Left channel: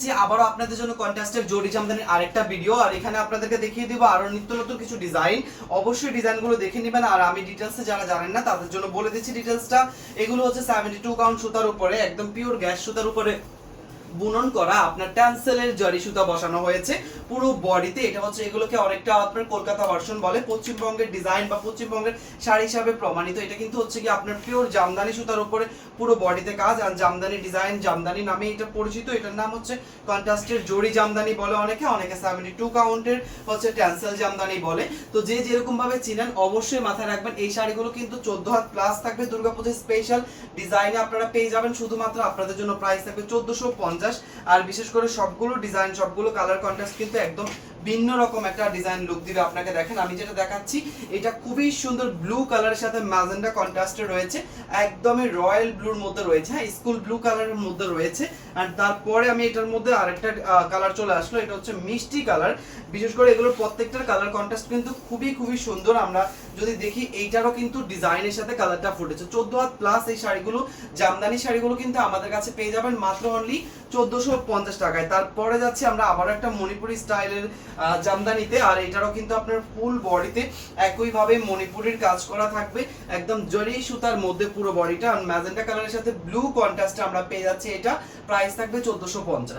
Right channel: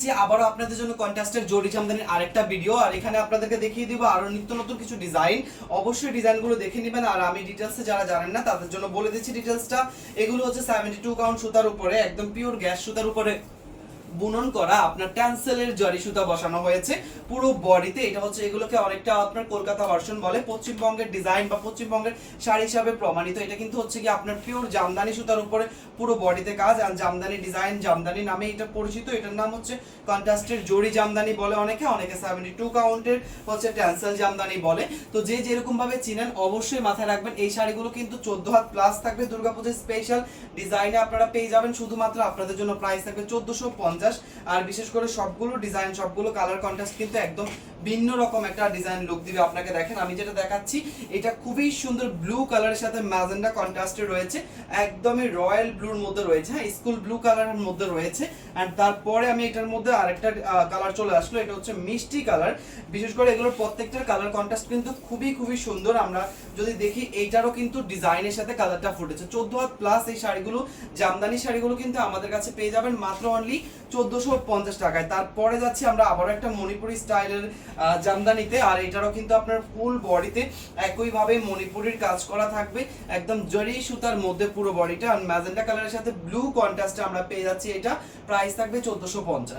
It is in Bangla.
আবারও আপনাদের জন্য কন্ট্রাস্টের জরি জামদানির আরেকটা ভিডিও। আর এখানে আপনাদেরকে দেখিয়ে দিব আরো নিত্য নতুন কিছু ডিজাইন। অবশ্যই ডিজাইনগুলো দেখে নেবেন। আর আমি ডিটেলসে যারা জানেন না তাদের জন্য বলে দিচ্ছি ডিটেলসটা। এগুলো হচ্ছে 72 কাউন্ট সুতার উপরে, একদম পিওর গ্যাস সুতার উপরে বুনন করা আপনার ট্যান্সেলের জরি সুতা বসানো হয়েছে পুরো বডিতে। এটা হচ্ছে এগুলোকে অনেকটা আপনার কলকাতা ভার্সন বলে, পশ্চিমবঙ্গের ডিজাইন বা পশ্চিমবঙ্গের শাড়ি হিসাবে প্রমাণিত। এটা কিন্তু হচ্ছে কি আপনার পিওর জামদানি সুতার উপরে পুরো বডিতে কাজ। আর জামদানি ডিজাইন, জামদানি নামে এটা পরিচিত। এটার নাম হচ্ছে কন্ট্রাস্টের জরি জামদানি বলে অনেকে 72 কাউন্টের হচ্ছে ট্যান্সেল জামদানি বলে। তো যে যেরকম ভাবে চিনেন অবশ্যই মাথায় রাখবেন এই শাড়িগুলো কিন্তু 14 হাত প্লাস থাকবে। দুর্গাপূজার স্পেশাল ডিজাইনে আপনারা পেয়ে যাবেন। শুধুমাত্র আপনাদের জন্য প্রাইস থাকবে 1450। আর বিশেষ করে সবগুলো ডিজাইন, সবগুলো কালার কন্ট্রাস্ট কিন্তু একদম ভিন্ন রকম একটা ডিজাইন লুক দিবে আপনাকে। দেখেন আমি যেটা দেখাচ্ছি এটা খুবই সুন্দর ব্লু কালারের সাথে ম্যাজেন্ডা কন্ট্রাস্টে রয়েছে, একদমই রয়্যাল ব্লুর মধ্যে রয়েছে, হ্যাঁ স্কুল ব্লু কালারের মধ্যে রয়েছে। আর তারপরে আমি এটার মধ্যে আরেকটা কালার চলে আসলো, এটা হচ্ছে মিষ্টি কালার। বিশেষ করে এগুলোর প্রত্যেকটার কালার কন্ট্রাস্ট কিন্তু খুবই খুবই সুন্দর। আমরা যদি দেখি এইটারও কিন্তু ডিজাইনের সাথে কালারটা ফুটেছে। 14 হাত প্লাস এই শাড়িগুলো, জামদানি শাড়িগুলো কিন্তু আমাদের কাছে পেয়ে যাবেন মাত্র অনলি 1450 টাকায়। তারপরে যাচ্ছি আমরা আবার একটা মণিপুরি স্টাইলের জামদানিতে। আর এটারও কিন্তু আপনার ফুল বডিতে একইভাবে মণিপুরির কাজ করা থাকবে, একদম জরি সুতার মধ্যে পুরো বডিটা। আর ম্যাজেন্টা কালারের সাথে ব্লু কন্ট্রাস্টে আমরা পেয়ে যাচ্ছি। এটা প্রাইস থাকবে 1450।